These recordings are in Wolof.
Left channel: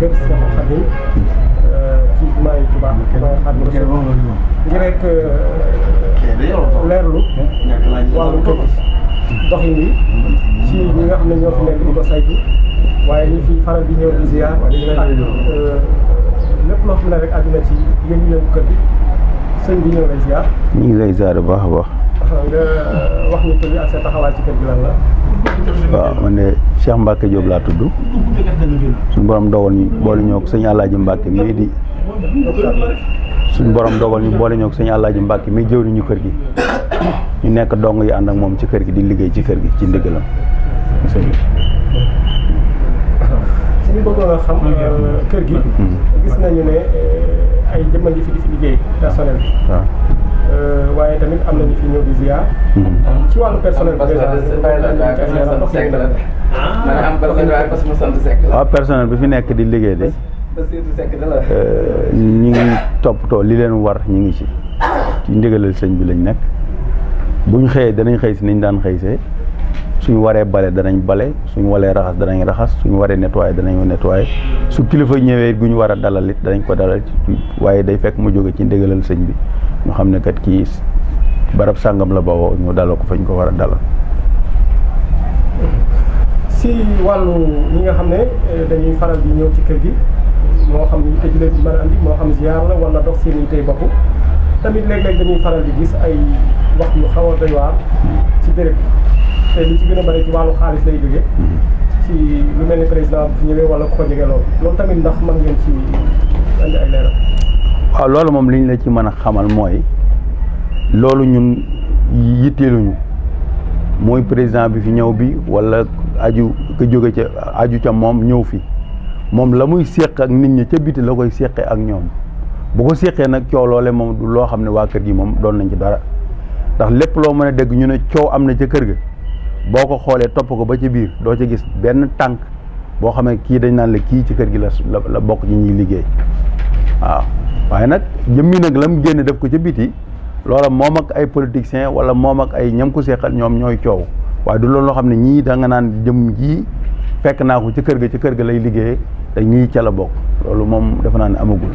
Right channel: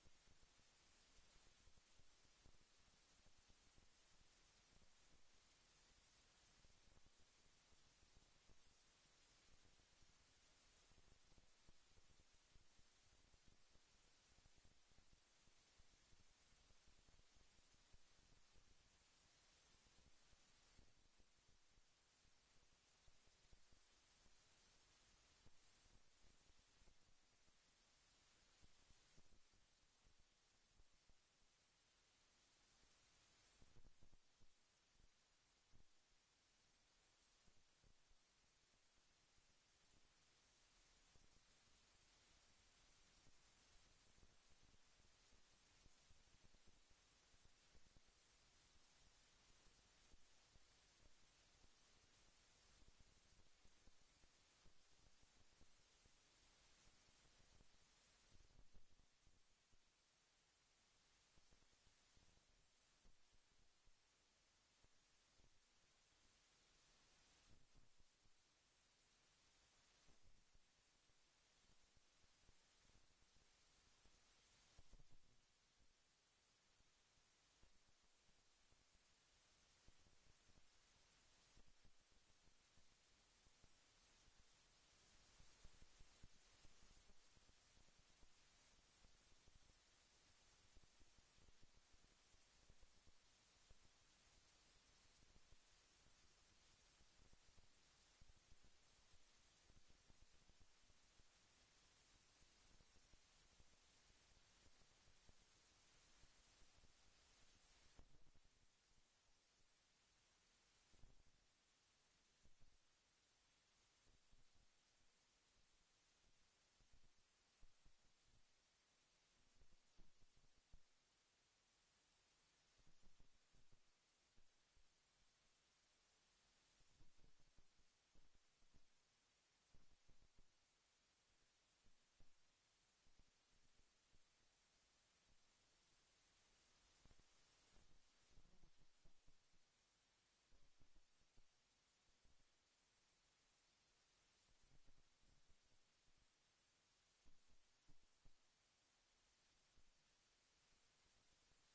kër Cheikh Khadim ci jumaa yi Tuubaa Xaadimu Rasuul ngir rek leerlu wàllu kër doxin yi ci ñi nga xam ne ñoo fi nekk di ko saytu waaye ñi fi faral di ñëw di ziar ak lépp loo xam ne rek àdduna ci yëngu-yëngu kër gi sëñ bi ñëw lay ziar. ñu ngi lay ziar bu baax a baax. nga wax ñu tur ak sa taxawaay ci kër gi lan la. waaw man de Cheikh Mbacke Diop laa tudd suñu borom dogal ñu boole ñoo ko sëñ Alaaji Mbacke mii di suñu borom dogal ñu boole ñoo ko sëñ Alaaji Mbacke mii jëw ñu kër gi ñu nekk dong yi ànd ak moom ci kër gi di liggéey ci kër gi ci ndigalam. suñu bëggoon a xam kër gi gis nañu ne ay jëmma ngi fi di fi liggéey personnel bi. waaw waaye tamit am nañu fi ñëw di ziar. ci wàllu personnel bi waaw personnel bi fi nekk di liggéey de ñu ngi toppatoo li leen war ñu ngi ci ndigalal sëñ bi lañ nekk buñ xëyee danañ xëy si niñ daan xëy see suñu waree bale danañ bale suñu waree raxas danañ raxas suñu waree nettoyer danañ nettoyer su kilifa ñëwee gu ñu war a dalal it danañ ko dalal ci waaye day fekk mu jóge ci ndigalal sëñ bi ñu xam ne kat kii barab sàngam la bawoo ñu dalal ko fañ ko war a dalal. si wàllu ñi nga xam ne dañuy faral di ñëw ci kër gi moo xam ni tëj leen di mën a andi moo xam ziar la wala dox seen i tey bopp tamit léeg-léeg dañuy faral di gis ay wax yu xaw a doy waar ci béréb te li ci gën a bëri ci wàllu xaalis lay jógee ci lu mel ni président bu fi ñëwee wala ku ko jege loolu tamit ndax mën ngeen ci andi ay leeral. waaw loolu moom li ñu la ci mën a xamal mooy loolu ñun yitteeluñu mooy président bi fi ñëw bi wala aju ko jóge ca aju ca moom ñëw fi moom la muy séq ak nit ñi ca biti la koy séqee ak ñoom bu ko séqee nag coow loole moom du loo xam ne waa kër gi moom doon nañ ci dara ndax lépp loo mën a dégg ñu ne coow am na ca kër ga boo ko xoolee topp ko ba ci biir doo ca gis benn tànk boo xamee kii dañ naan la kii ci kër gi la bokk ci ñuy liggéey waaw waaye nag jëmmi nag la mu génn def ko ca biti loola moom ak ay politiciens wala moom ak ay ñam ko seqal ñoom ñooy coow waaye du loolu loo xam ne ñii da nga naan jëm ji fekk naa ko ci kër ga lay liggéeyee te ñii ca la bokk loolu moom defe naa ne amagul.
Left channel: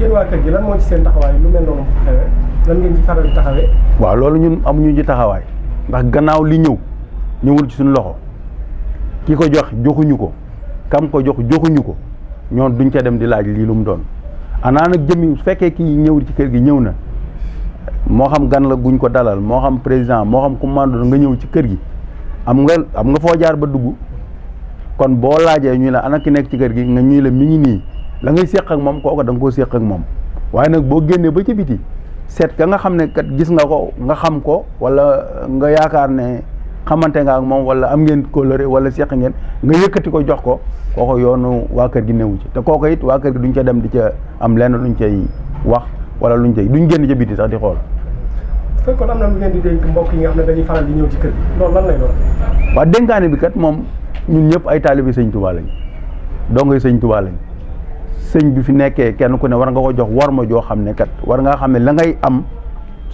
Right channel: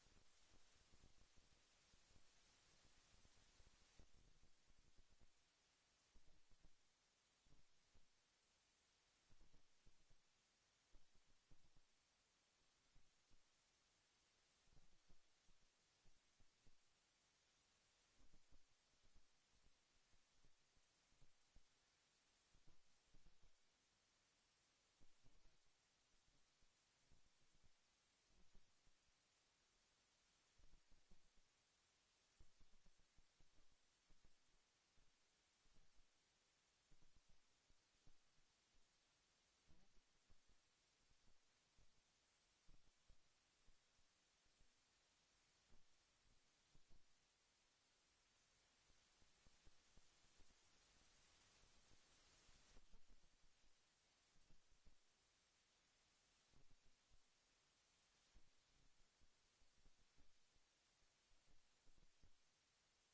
yéen waa kër gi lan moo ci seen taxawaay lu mel noonu bu xewee lan ngeen ci faral di taxawee. waaw loolu ñun amuñu ci taxawaay ndax gannaaw li ñëwul ci suñu loxo ki ko joxuñu ko kam ko joxuñu ko ñoon duñ ca dem di laaj lii lu mu doon anaa nag jëmmi su fekkee kii ñëw ci kër gi ñëw na moo xam gan la guñ ko dalal moo xam président moo xam commande nga ñëw ci kër gi am nga foo jaar ba dugg kon boo laajee ñu la ana ki nekk ci kër gi nga ñuy la mi ngi nii la ngay séq ak moom kooku da nga koo séq ak moom waaye nag boo génnee ba ci biti seet ka nga xam ne kat gis nga ko nga xam ko wala nga yaakaar ne xamante nga ak moom wala am ngeen kóllëre wala séq ngeen nga yëkkati ko jox ko kooku yoonu waa kër gi newu ci te kooku it waa kër gi duñ ca dem di ca am lenn luñ cay wax wala luñ cay duñ génn ca biti sax di xool. fekkoon am na lu ngeen di dénk mbokk yi nga xam ne dañuy faral di ñëw ci kër gi loolu lan lay doon. waaw dénkaane bi kat moom ñun ñëpp ay taalibi sëñ Tuubaa lañ dongoy sëñ Tuubaa lañ sëñ bi fi nekkee kenn ku ne war nga ko jox war ma joo xam ne kat war ngaa xam ne la ngay am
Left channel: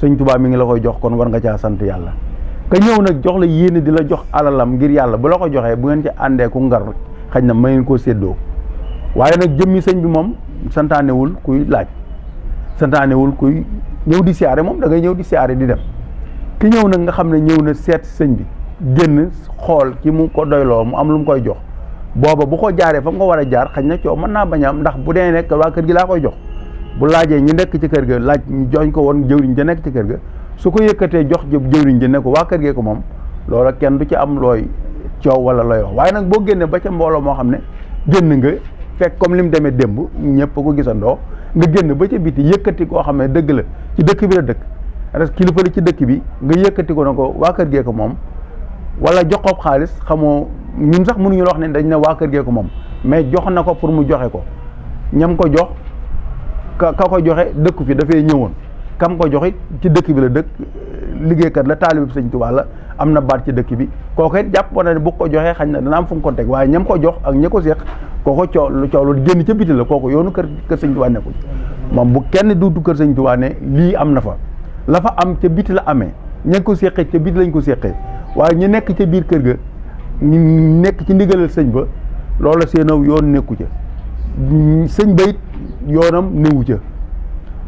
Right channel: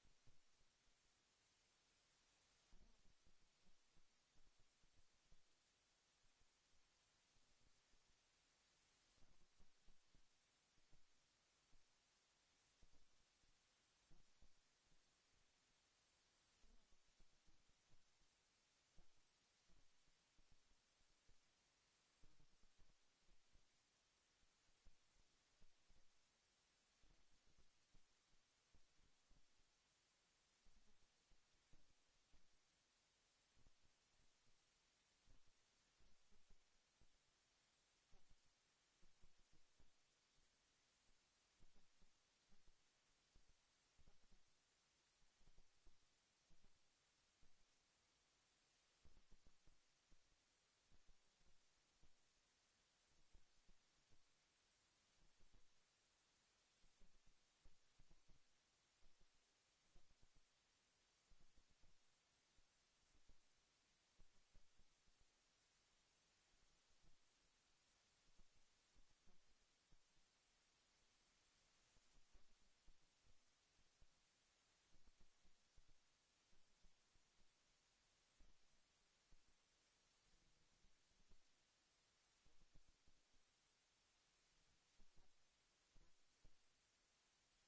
sëñ Tuubaa mi ngi la koy jox kon war nga caa sant yàlla ka ñëw nag jox la yéene di la jox alalam ngir yàlla bu la ko joxee bu ngeen ci àndee ku ngar xaj na ma ngeen koo séddoo waaye nag jëmmi sëñ bi moom santaanewul kuy laaj santaanewul kuy ñëw di siyaare moom da ngay ñëw di siyaare di dem ki ñëw nag nga xam ne ñëw na seet sëñ bi génn xool ki mu ko doyloo mu am lu mu koy jox booba bu ko jaaree fa mu ko war a jaar xañ na coow mën naa bañ a am ndax bu dee nekk waa kër gi laa koy jox bu laajee ñu nekk ci kër ga laaj ñu joñ ko woon jëwriñ ja nekk ci kër ga su ko yëkkatee jox jëwriñ ja ne ko waa kër gee ko moom loola kenn du ci am looy coow wala looy wax waaye nag boo génnee ba ca mbooloo moo xam ne génn nga fekk comme li mu demee démb ñëpp ko gisandoo nga génn ba ca biti yëkkati koo xam ne dëgg la ci dëkk bi la dëkk parce que kilifa la ci dëkk bi nga yëkkati ko na ko waa kër gee ko moom wala jox ko xaalis xamoo ñun sax mënuñu la wax ne dañ ne waa kër gee ko moom mais jox na ko pour mu joxe ko ñam ko jox ka ko joxe dëkku fi dafay ñëwoon kam ko joxe ci dëkk bi la dëkk liggéeykat la taalibe Sëñ Tuubaa la am na baat ci dëkk bi kooku it jàpp na ne bu ko joxee xañ na dana am fu mu ko teg waaye ñam ko jox ak ña ko seq kooko coow lu génn ca biti la kooku yoonu kër Sëñ Tuubaa nekkul moom bu kenn duutu kër Sëñ Tuubaa ne lii am na fa la fa am ca biti la amee ña ko seqee ca biti lañ ko seqee waaye ñu nekk ca biir kër ga ñu nekk ci ndigalal sëñ ba loola seenaw yoon nekku ca sëñ bayit yoonam newu ca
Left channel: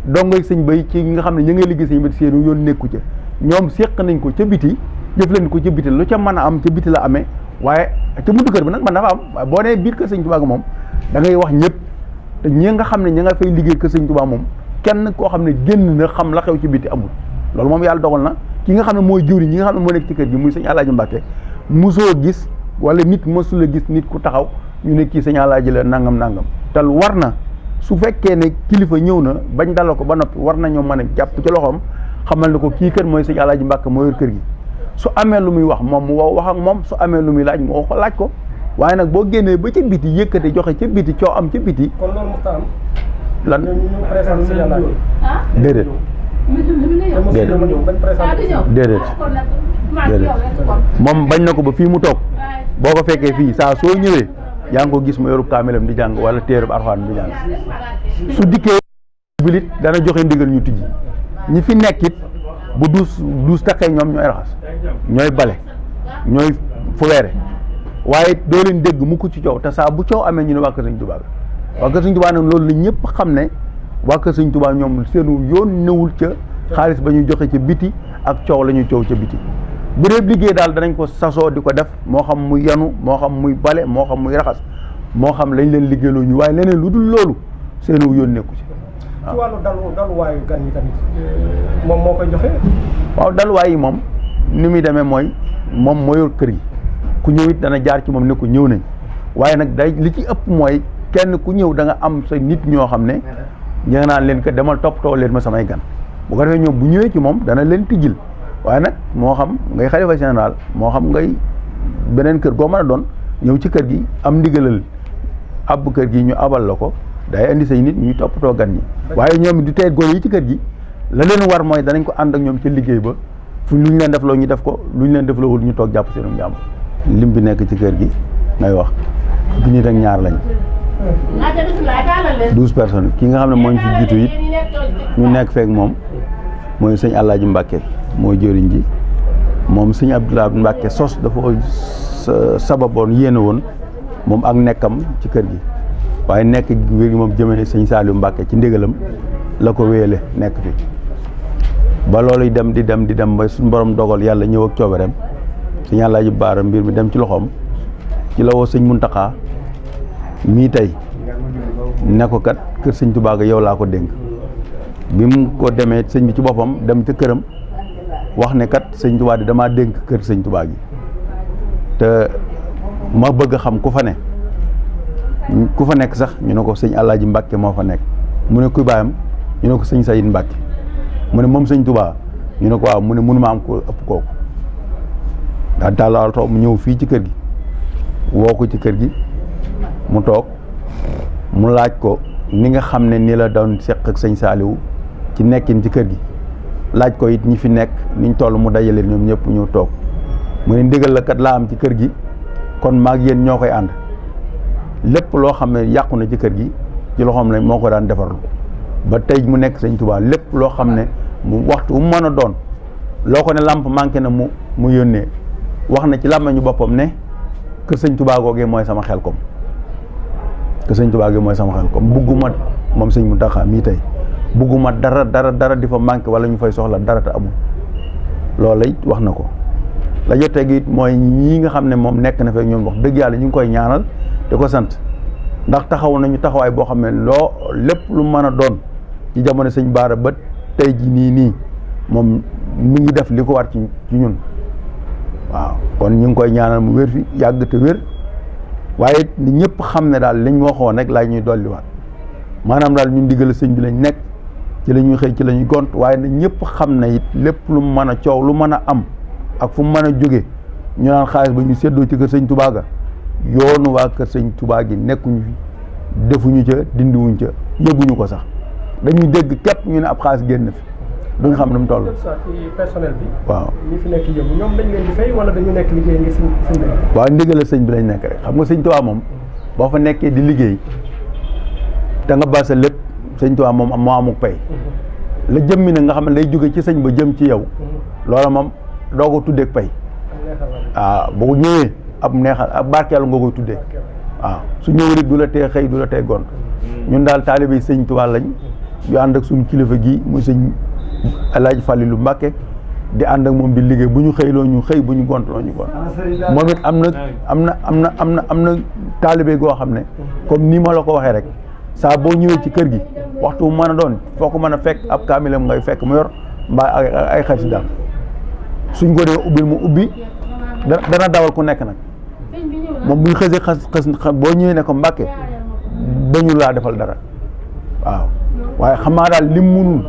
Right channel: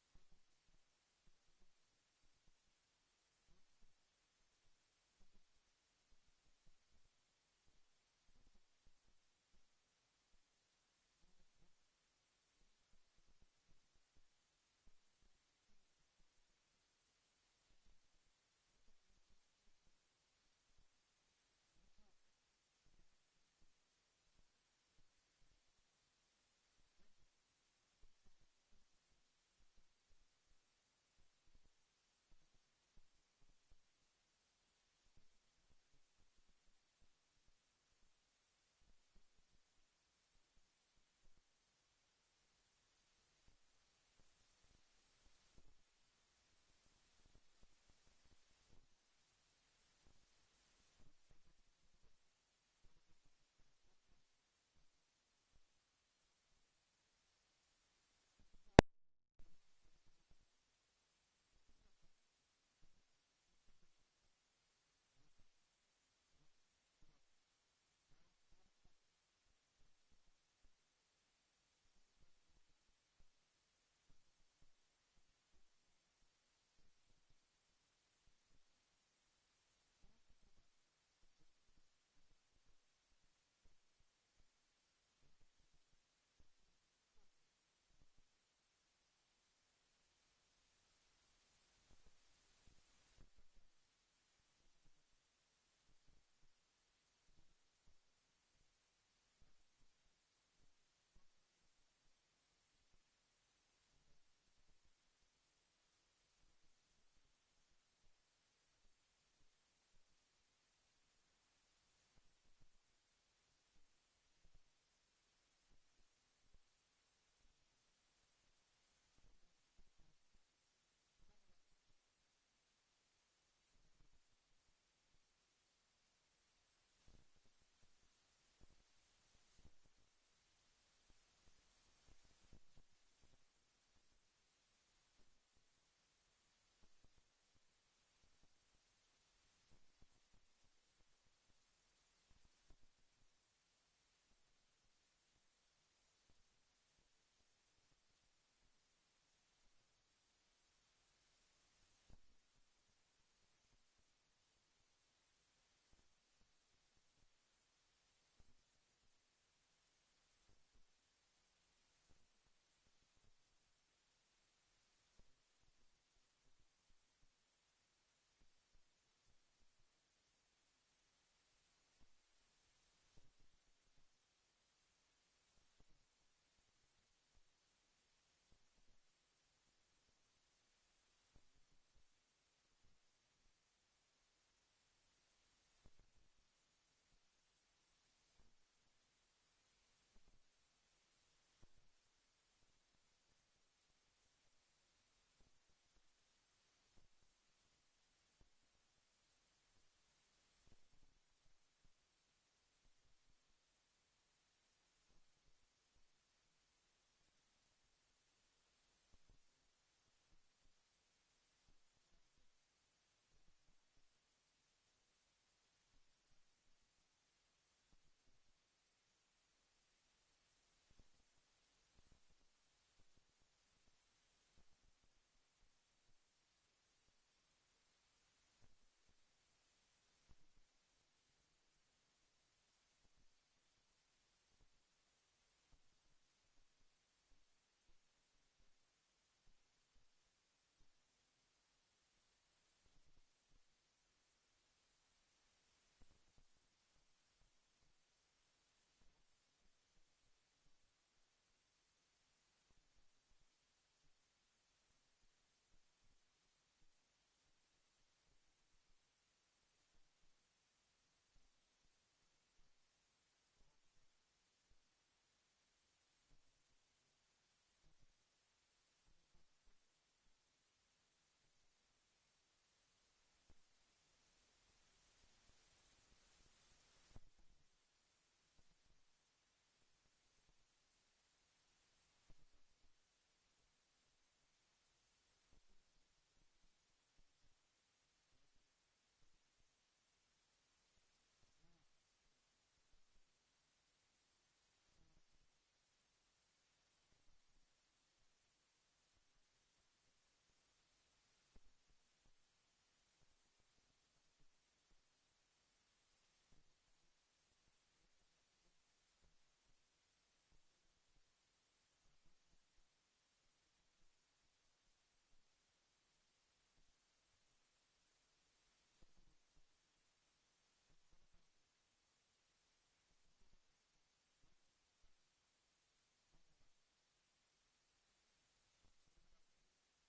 dongoy sëñ bay ci nga xam ne ñu ngay liggéey sëñ bay seenu yoon nekku ca ñoom séq nañ ko ca biti jëf leen ko ca biti lu ca mën a am ca biti la amee waaye ca buntu kër bi nag man dafa am waaye boo nee biir kër sëñ Tuubaa moom da ngay wax ñëpp te ñi nga xam ne ña nga fay liggéey kër sëñ Tuubaa moom kenn koo xam ne génn na xam la xew ci biti amul loolu moom yàlla dogal na ki nga xam ne mooy jëwriñ ñi nga xam ne moo nekk ci kër gi muy sëñ Alaaji Mbàkke mosoo gis wala nit mosula gis nit ku taxaw ñu ne kii sëñ Alaaji la nangam te war na su fekkee ne kilifa ñëw na bañ dalal ko ba noppi war nañoo mën a jàpp ci loxoom xamal ne ko kii kër mooy sëñ Alaaji Mbàkke moo yor kër gi su amee lu muy wax moom mu wax ak moom su amee lu muy laaj mu wax laaj ko waaye nag boo génnee ba ca biti yëkkate joxe ca biti coo am ca biti. kon loolu mu am. lan ñu présenté sëñ Alaaji. déedéet. déedéet moom bañ na ko ba fii mu toog boo ko fekkee fii saa soo ñëwee yaa ngi ko gis mu yoru kaamilam di jàng wala téereb Alxuraan di jàng su dikkee bilit dana joxe ndigal ñu tijji ñi fi nekk it bu duus takkee ñoom ñooy raxas ñooy bale ñooy fuweere waaye doo leen dégg mu ko ci coow te saa bu coow amee ñu ne waa kër Sëñ Tuubaa waa kër Sëñ Tuubaa nag loolu la ñëpp xam ne waa kër Sëñ Tuubaa ñoom seenu yoon newul ca xaalis ba ñuy joxe ca biti ak coow la ñuy coow ca biti bu dee liggéey daal danañ ko sasoo di ko def moo xam muy yanu moo xam muy bale moo xam muy raxas moo xam lañ leen liggéeyloo ñu waaye leneen lu dul loolu seenu yoon nekku ci ci wàllu daluwaayu gan yi tamit moom moo koy joxe. waaw daluwaay yi moom ni muy demee mooy moom moo yor kër yi ku ñëw it dana jaar ci moom ne ko ñëw nañ waaye nag day li ci ëpp mooy kenn ku ñëw da nga am sa nit ñoo xam ne ña nga naan leen ko demal toppatoo leen ma samay gan bu ko defee ñoom bu ñëwee ci moom dana leen tijjil waaye nag moo xam ngay xalifa général moo xam ngay beneen kër goo mën a doon ñëw ci kër gi am ndigalal ab kër gi ñu abal la ko day indi say nit ñuy toppatoo gan ñi waaye ñoom di tey góor yi ci kër gi la leen war mooy danañ ko ànd ak ñoom ci liggéey ba fu lu ñu leen def loo ñu def ko lu ñu leen def loowul ñu toog jàpp seenum jàmm lim bi nekk ci kër gi ngay wax fukki nit ak ñaar lañ 12 personnes ki nga xam ne moo ñu fi jiitu it ñu nekk feek moom mooy sëñ Alaaji Mbàkke mooy jëriñ ji moom sëñ Abdoulaye Mbàkke sos dafa sababoon yéene woon moom ak nekkam ci kër gi waaye nekk wér gi moom jëmee sëñ Saliou Mbàkke ci ndigalam la ko wéyale nekk fi ba loolu dem di dem ba suñu borom dogal yàlla ñëw ak coobareem sëñ Alaaji Baara mbir mi dem ci loxoom ci la woo sëñ Muntaxa mii tey ne ko kat kër sëñ Tuubaa ga yow laa ko dénk bi mu ko demee sëñ bi ci boppam dem ca këram wax ne kat sëñ Tuubaa di damaa dénk kër sëñ Tuubaa gi te ma bëgg a xam ku fa nekk sax ñu ne ko sëñ Alaaji Mbàkke moo fa nekk mu ne kuy baayam ñu ne ko sëñ Sayid Mbàkke mu ne moom sëñ Tuubaa ñu ne ko waaw mu ne mënuma am ko ëpp kooku daal tàllal toog mu ñëw fii ci kër gi woo ko ci kër gi mu toog mu laaj ko ni nga xam ne ni la doon seq ak sëñ Saaliwu ci nekkin ci kër gi laaj ko it ñi fi nekk niñ toll mu dajale ñoom ñëpp ñëw toog mu ne ndigal la kat laa am ci kër gi kon maag yéen ñoo koy ànd lépp loo xam ne yàqu na ci kër gi ci loxoom la moo ko daan defarlu ba tey mu nekk sëñ Tuubaa lépp loo xam ne mu waxtu mu mën a doon loo ko ne làmp manqué na mu yónnee wax na ci làmmiñu boppam ne kër sëñ Tuubaa googee mooy sama xel kom kër sëñ Tuubaa googee mooy sama xel kom bugguma moom sëñ Muntaxa mii tey bugguma dara di fa manqué wala ñu fay soxla dara te amul loolu it wax na ko la jotee gi mooy ñii nga xam ne moom nekk na fekk ñoom wax dëgg yàlla ñu ngi koy ñaanal di ko sant ndax taxaw nañu taxawaay boo xam ne loo lépp lu mën a doon ci jamono sëñ Baara ba tey ji nii moom mi ngi def li ko war ci ñun waaw kon ñu ngi koy ñaanal mu wér fi yàgg te wér waaye ni ñëpp xam ne daal liñ waxoon rek laay ñuy dolliwaat maanaam daal ñun diggal sëñ bi lañ nekk ci la ñuy xëy ci la ñuy gont waaye na ñëpp xam ne it lépp lu mu mën a coow lu mën a am ak fu mu mën a jóge ñu naan xaalis ba ñu séddoo ci kër sëñ Tuubaa ga yoonu waa kër sëñ Tuubaa gi nekkuñu fi defuñu ca dindiwuñ ca yëguñu ko sax dañuy dégg képp ñu ne ab xaalis génn fi du nga xam ne mu toll. ci personnel bi. waaw ñi fi nekk yëngu ñoom dañ leen di fay wala dañu nekk liggéey ngir sëñ bi. waaw ndigal sëñ bi lañ nekk rek xam nga sëñ Tuubaa moom boo fa nekkee di liggéey te nga basa lépp sëñ Tuubaa moom moo amuk pay la jëmmi nag nga xam ne lay jóge ci sëñ ba jëm ci yow loola moom doo ko tuddeeg pay waaw boo ñëwee ab neexal ab barkeelu nga koy tuddee waaw su ñëwul it du la tee xëy du la tee gont ñun daal taalibe yi sëñ Tuubaa lañ yu ànd ak suñu kilifa gi muy sëñ Alaaji Fàllilu Mbàkke di ànd ak moom di liggéey bu ñu xëyloo ñu xëy bu ñu gontloo ñu gont moom it am na taalibe goo xam ne comme ni ma la ko waxee rek saa boo ñëwee ci kër gi waxtu bu mën a doon foo ko mën a fekk ab kaamilam ngay fekk mu yor mbaa ay xasidaam suñ ko dee ubbil mu ubbi dana dawal ku nekk nag moom buñ xësee xas boo ñëwee ne ko Mbàkke dañu laa defal dara waaw waaye xam naa daal lim munul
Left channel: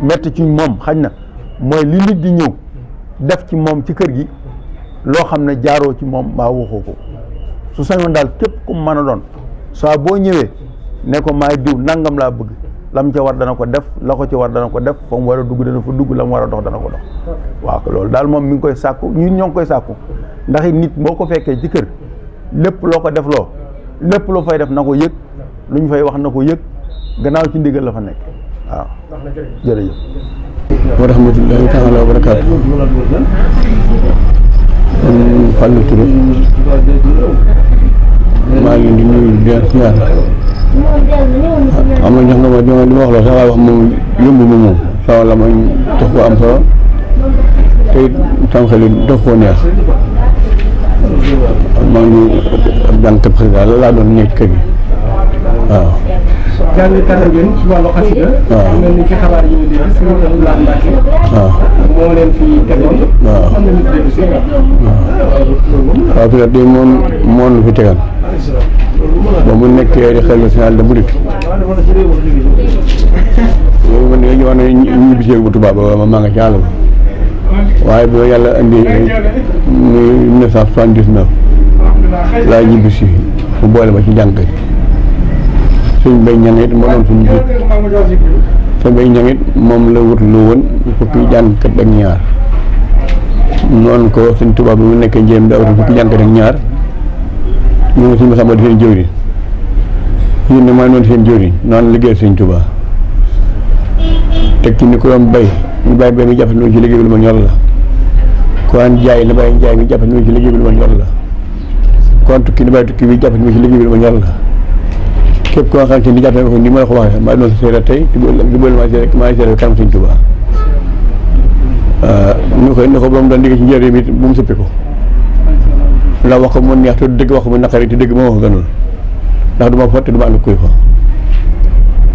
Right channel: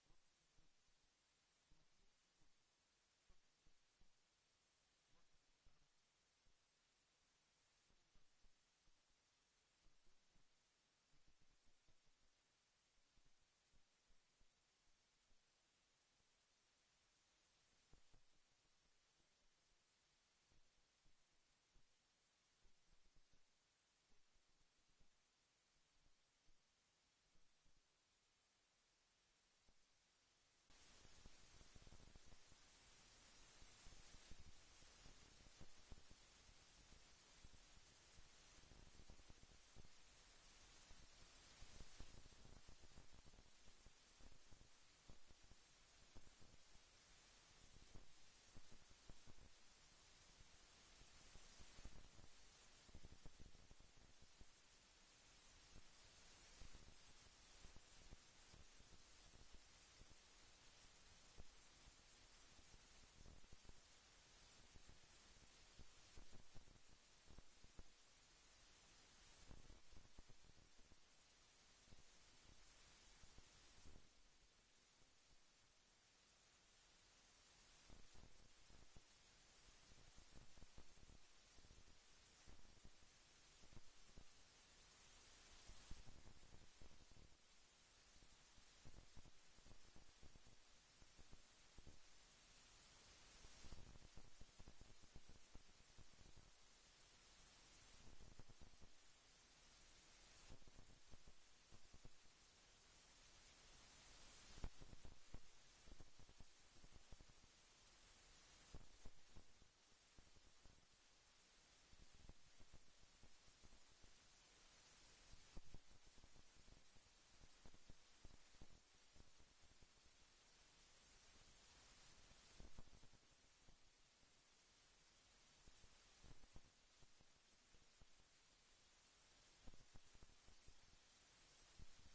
metti ci moom xañ na mooy li nit di ñëw def ci moom ci kër gi loo xam ne jaaroo ci moom mbaa waxoo ko su sañoon daal képp ku mën a doon saa boo ñëwee ne ko maay diw nangam laa bëgg lam ca war dana ko def la ko ci war dana ko def fa mu war a dugg dana fa dugg la mu war a dox dana ko dox waaw loolu daal moom mi ngi koy sàkku ñun ñoo ngi koy sàkku ndax it nit boo ko fekkee ci kër lépp loo ko def loo lépp loo fay def na ko yëg lu ñu fay wax na ko yëg gannaaw ci ndigal la fa nekk waaw jërëjëf wa rahmatullahi taala wa barakaatu Fallou Touré maa ngi leen di nuyu di leen siyaar am na ñoo xam ne li ma wax la sax waaye wax moom yomb ma moom sama la ma tax ko am solo te it sama xel yi dox koo neex maa ngi jàngkat président la laa doon nekk kër gi waaw jàngkat ngeen ci wàllu xasida waaw mel ni ci xabaar yi ñu dégg Sëriñ Abdoulaye Mbacke waaw moo leen fi tegoon waaw am na nit dégg si waaw peut-être de moom lu fi tegal ba mu nekkee di xel national de Mouride yooyu man dañuy wax ne ñu bisee bu tubaab ba maa nga ci àll ba waaye bu yàlla indi muy 1979 laa ñibbi si mu boole ma ci jànk suñ bay ñang it moo doon suñu jiit suñ bay ñang it moom la wut lu woon fukki jàngkat ak ñaar noonu ko suñ tubaab bi mu nekkee njéem daa wut fukki jàngkat ak ñaar ñu ngi suñu Masamba di seen jëwriñ yéen ne maa noonu seen jëwriñ noonu liggéey suñ tubaab teg ci ni ko doon bay ñu bàyyi bay mi jàpp ci liggéey bi lu ma ñor la ko an jaay na bàyyi jaay mi jàpp ci liggéey bi lu ma ñor la kon tukki na bàyyi tukki bi jàpp ci liggéey bi lu ma ñor la képp koo xam ne ni jàpp ko ni ma la ko waxee maa doon sa seera tey di boole maa seera kanam suñ tubaab ni ko ba mu doon liggéey ci njëriñ it bu mu sëppi ko la wax ko mu neex te dëgg wax ko mu naqari te dëgg moo ko gënul ndax du ma fotte du ma ànd kuy fa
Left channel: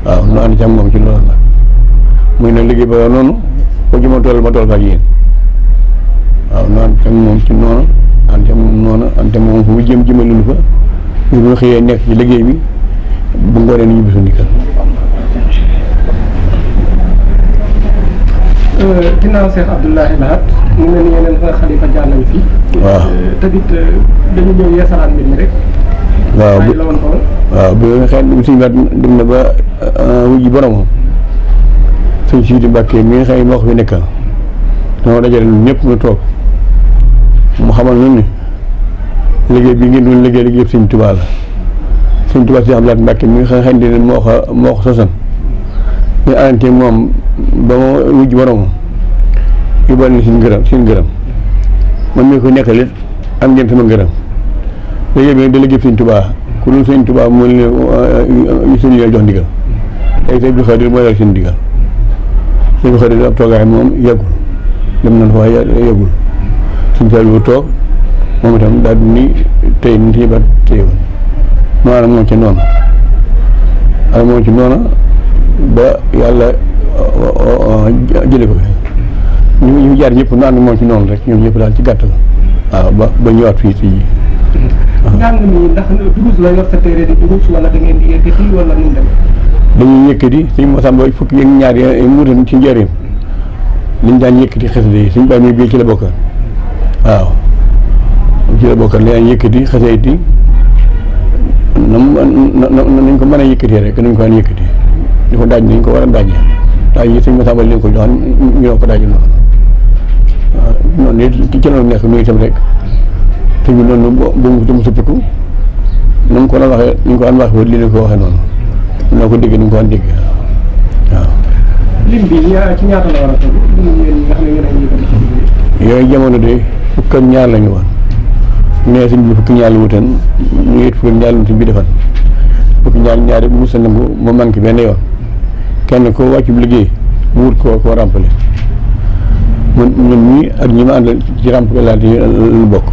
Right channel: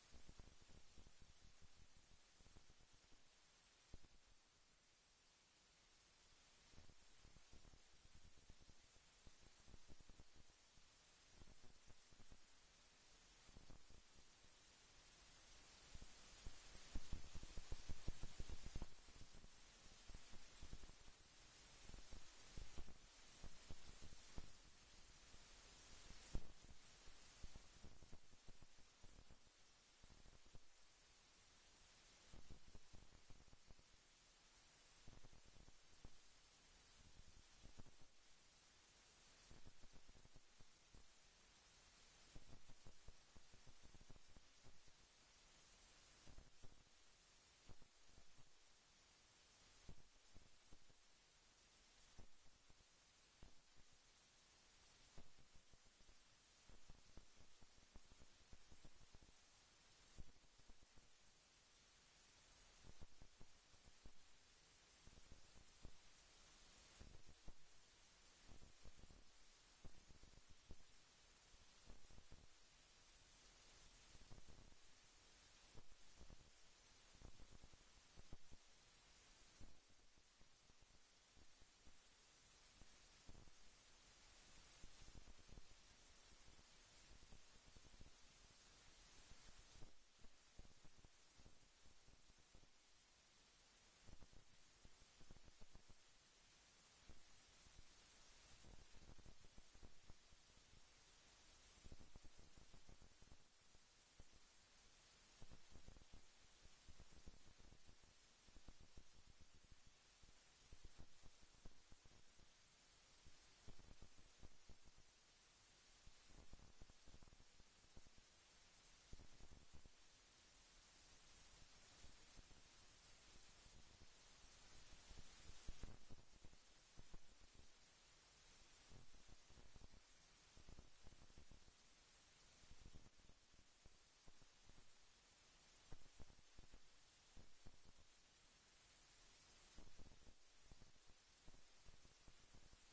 waaw nu ànd ci am moom ci loolu nag muy na liggéey ba noonu ko ci ma toll fa ak yéen waaw nu ànd ci am moom ci noonu ànd ci am moom noonu ànd ci am moom fu mu jëm jëmalul fa ñu bu xëyee nekk ci liggéey bi bu ngoonee ni ñu bisu ndikkal ginnaaw Cheikh Abdoulaye Lahat mu mel ni yeneen xalifa jaar nañ fi waaw tamit dañu ñëw yeesalaat mbir mi rek waaw la woon ko waaw bi nga xam ne suñu waat dem na ba wujji boromam sëñ Sidi Mbàkke mi nga xam ne moo ko fi nekkal dama dajale ñëpp ñu toog mu xamal ñun ni liggéey bi ngeen doon liggéey liggéey sëñ Tuubaa la sëñ Tuubaa si Abdoulaye Mbàkke mi nga xam ne moo ko sosan ñu arante moom ba ma wujj boromam yóbbal na seen ngërëm man mii ko nekkal it am ngeen sama ngërëm liggéey bi nag da liggéey sëñ Tuubaa ku dul sëñ Tuubaa mu ne sëñ yi jox ndigal tey sëñ bi Xaadir mooy dal seen ndigal sëñ bi Xaadir ab toogaay moom yàggul dem nañ fa waaye yàggul suñ sal bu toog moom itam daal di ni tey ni si ba téye woon maanaam moom ci noonu ak moom ci noonu ba yàlla jële ko fi ñu jaar ñëpp nu ànd moom ci noonu rek ñoom ñëpp daal ci gàttal waaw ba ñëwaat fii ci njàng mi ndax durus la yor sa téere di durus wala da ngeen di yëkkati wala nu mu dem dañuy yëkkati suñ Masamba fukki yëg ñaar yi muutan ci njëriñ liñ daan yëkkati xasida yi suñ bàyyi muy bii ci la bokka waaw ci la bokka li daan yëkkati xasida yi nañ ko mën a yëkkatee rek nañ ko daan yëkkati di ko daaj nañ ko war a daajee daaj yi suñ Masamba leen ko joxoon ñu doon ko daaj noonu waaw noonu it ci loolu nekk nuyu itam rek te ñu noonu bu mu suppiku na mu ko doon waxee ni ñu ko daan waxee lii la ko waxee noonu noo ko dégg ni ñu ko daan dégg waaw. lim bi ci ñaata la war a toll lim yéen ñi nga xam ne yéen a ngi yëkkati ci liggéey yooyu jamono de fukk ak ñaar la ñu woon nee sëñ bi fukki ñaar la wutan ñu it fukki ñaar la sëñ bi defal fukki ñaar yëpp mos a nangu mu manqué benn yoon kenn ko wàccu liggéey mu wut koo ràmpale man ñun ñii ak ñi ma àndal ci ràmpale laante lu bokk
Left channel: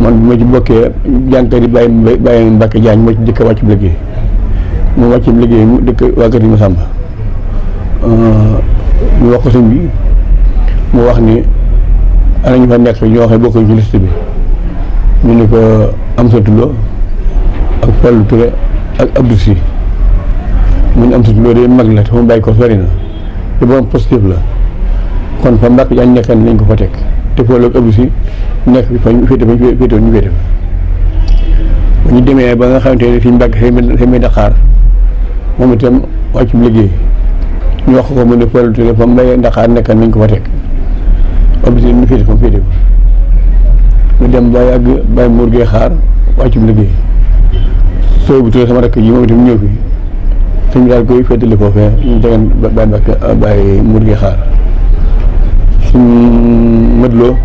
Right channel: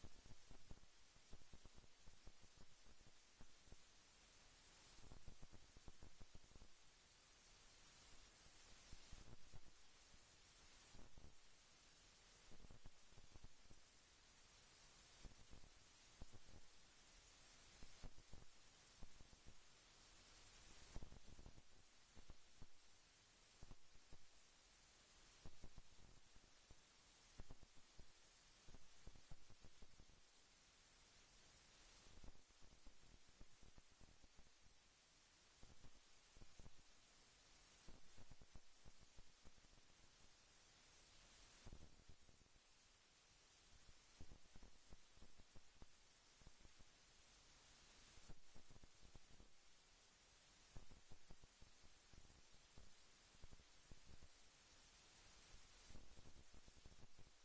man bi ma ci bokkee jànkat yi bàyyi Mbacke Diagne moo ci dëkk wàccu liggéey mu wàccu liggéey mu dëkk waa kër yi ma sàmba ñu wax ko sëñ bi mu wax ni ana ñu fa nekk ñoo xam ne bokkuñ ci liste bi ñu ni ko Amsatou Lo ak Fallou Touré ak Abdou Sy mu ne Amsatou Lo de mag la te mu bàyyi ko sori na te borom positif la kon fa Mbacke Diagne nekkan nañ ko fa teg te Fallou ak Abdou Sy nekk fa ñu féete ñu féete ba ñu demee ba nga xamante ne fii Mbacke xëy may Dakar moom itam wàccum liggéey ñu wax ko mu ne Fallou Touré fa mbay Dakar nekkan nañ ko fa teg Abdou Sy ñu féete fa ñu dem ba yàgg bàyyi muur gee xaar wàccum liggéey soo bu Touré sama rakk ji moom itam ñëw fi sëñ bi daal koy féetali foofee ñu tegan bàyyi Mbacke bàyyi muur gee xaar suñ mëtloo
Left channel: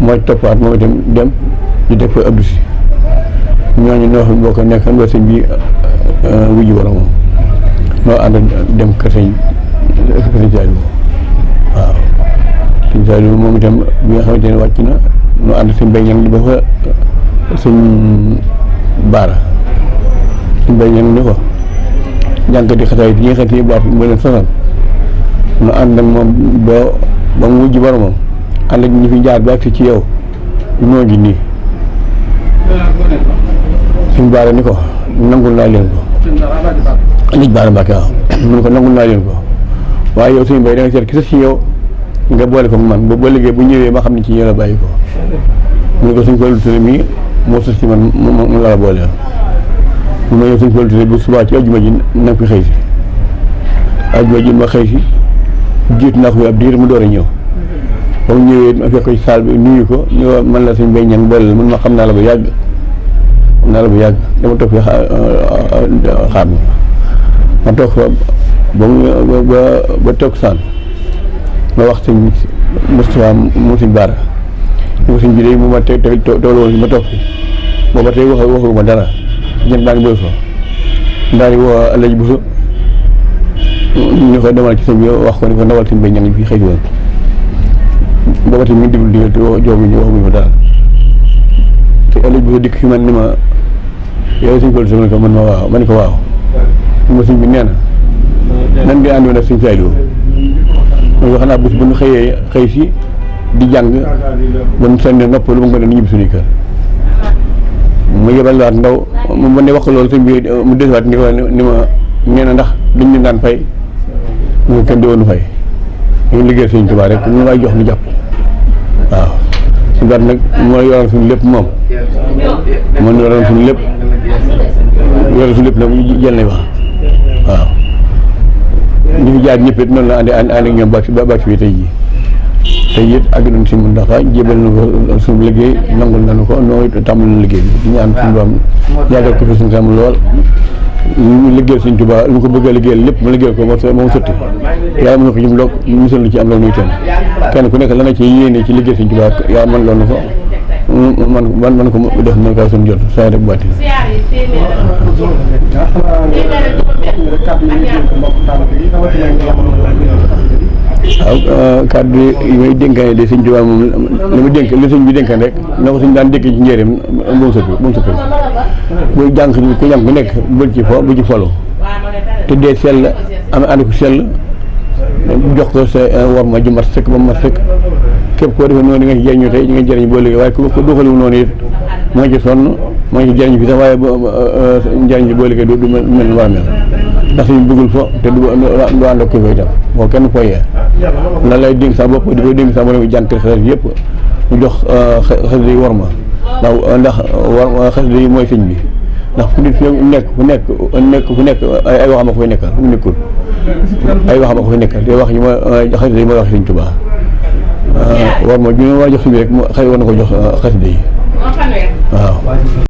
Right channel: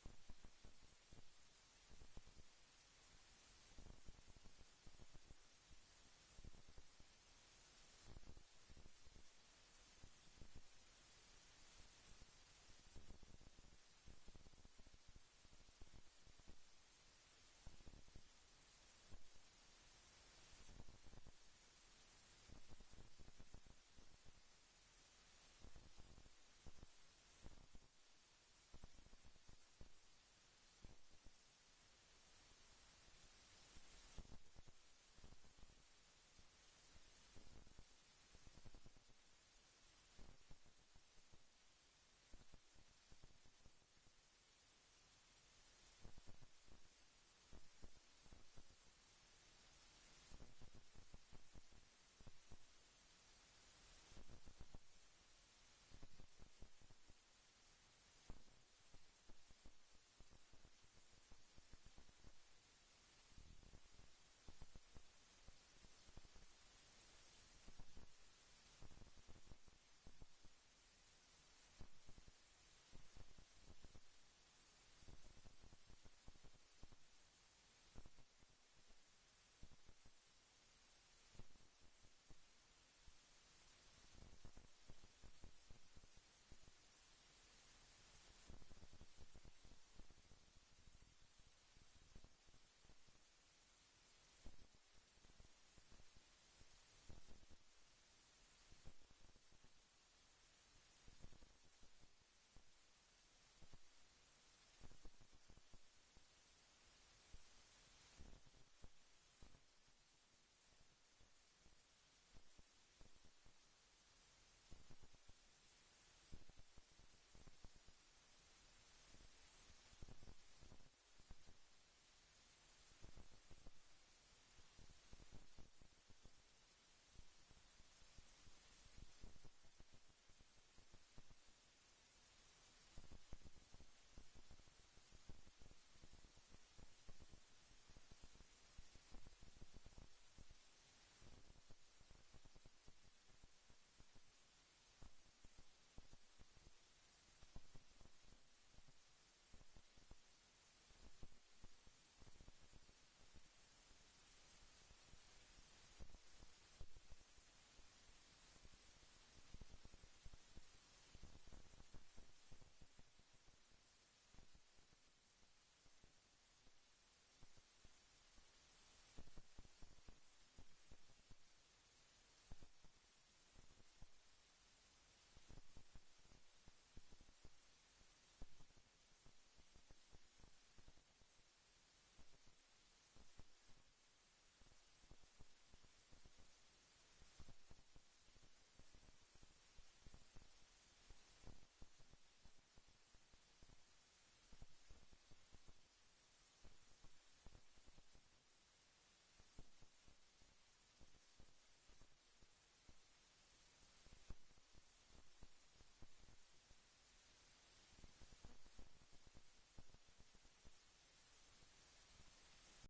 mooy toppaat moom itam dem ñu def fa Abdou Sy ñooñu noo xam boo ko nekkan ba sëñ bi wujji borom moom noo ànd dem kër sëñ Saliou waaw sëñ Saliou moom itam bi nga xamante ne wàcc na noo ànd sëñ Bay Ñang di ba fa sëñ Baara sëñ Bay Ñang ni ko jànkati xasaay yi ñi nga xam ne baat ba leen sonal noo ànd ak moom ba mu wujji borom moom ànd ak ñi fi jaar ba ak ci yow ñoo ngi nii suñ baara ni ko nangul naa leen ko lij baara Mbàkke waaw mun ko nangul naa leen ko waaye yow suñu bay da nga seet ki sa ci yow nga boole ko man ba liggéey bu ñëwee ma xam ne ci yow la bàyyi ko mun ko suñ Fallou Touré mii moo sës ci man mu la booleel mu ma yow suñ Fallou Touré bu subaa ci ajjuma ji na nga fi xëy si ajjuma ji ma xëy si jiitu naa ko fi ab diir mu door a ñëw ba mu ñëwee ma fekk ko ci saal bi nuyu ko ni man la suñ bay ñang booleel mun ma xam naa la bu yàgg dama toog fi xaar ma toog fa ba toog saan ma wax sëñ Moustapha mu sëñ Baara ñu ko sëñ bi day mu ma teg tooloo ma toog fi booba tey waxuma dara jën baa ngi bëri so ndaari woo Alaaji Buso ñu ko demal ci sëñ bi wax ko ni ko ndawal sëñ bay ñang fii xëy si woon booba tey mi ngi diglu digal te jooguñu waxuñu ko dara te Alaaji Buso dikk fi man ni ma yow suñ Fallou Touré ko man ma waaw ma ne ko waaw ma sëñ bi nee na nan ngay àndoon ak sëñ Saliou mooy wax naa bés bu ñu xëy si di jàng ba ñu sànni nopp lu ma nga ne ñibbi suñuy kër ma yebal waat ndaw ma ne wax ko loolu sëñ bi mu desewaat ni ko ni ma nee na ndax dañ leen daan fay ñu kenn di woonu fay ñu liggéey sëñ Tuubaa rek ñu may jox ñu jàpp waaw su baat nag moo yoral suñu lépp moom moo yoral suñu lépp nag jël nañ wax waaw ñu fi jaar ñëpp it noonu la ànd ak ñoom ba bi tey jii tey it àgg nañ si mun ndax jébal na ko suñu liggéey nangul nañu ko noo tàmbali na liggéey bi di ñaan suñu doom yàggal ko fi suñu kam lool ñu liggéeyal suñ Tuubaa lu ko bëgg a liggéeyal lépp mu liggéeyal ko moom sotti yàlla mën na ko jëm loog misal lu ci am loolu nuy teen kenn ku nekk la nga ci yéene ci liggéey suñ Tuubaa yàlla mën loolu ko man ko def na ko suñu jot saa rek bàtti waaw kàddu yi may dénkaane de sëñ Tuubaa moom li ma dénk li sëñ bi dénkaan rek na ko suñ daan dénk ci njëriñ bu mu sëppi buy jàng ku jàng ku nekk bu ci folo te dee sell am ànd ko sell jox ko sa war ma ju mat sëkk ba mu mat sëkk képp koo defee noonu di nga ci jëriñu tey di nga jëriñ boo léegi waaye ku doxaliwu noonu it moo ngi ci sonn moo ngi ci jëriñ fi sax waaye njëriñ bi boo léegi du mel ni war a mel ndax suñu bëggul fo te du ànd ak ko fay tam boo kenn foyee lan lay dénk sa bopp di ko dénk sa bopp jànkal xasida yëpp ñu jox xasida yi war ma ndax war xasida yi mooy sëñ bi ndax fu nit fu nekk ay waxam a ko fay nekkal fu mu nekkul ay waxam a ko fay nekkal te wax yi mooy xasida yi mooy wax sëñ Tuubaa war ma ju ne war a jox sëñ bi rek xëy war na ko jox xasida yi waaw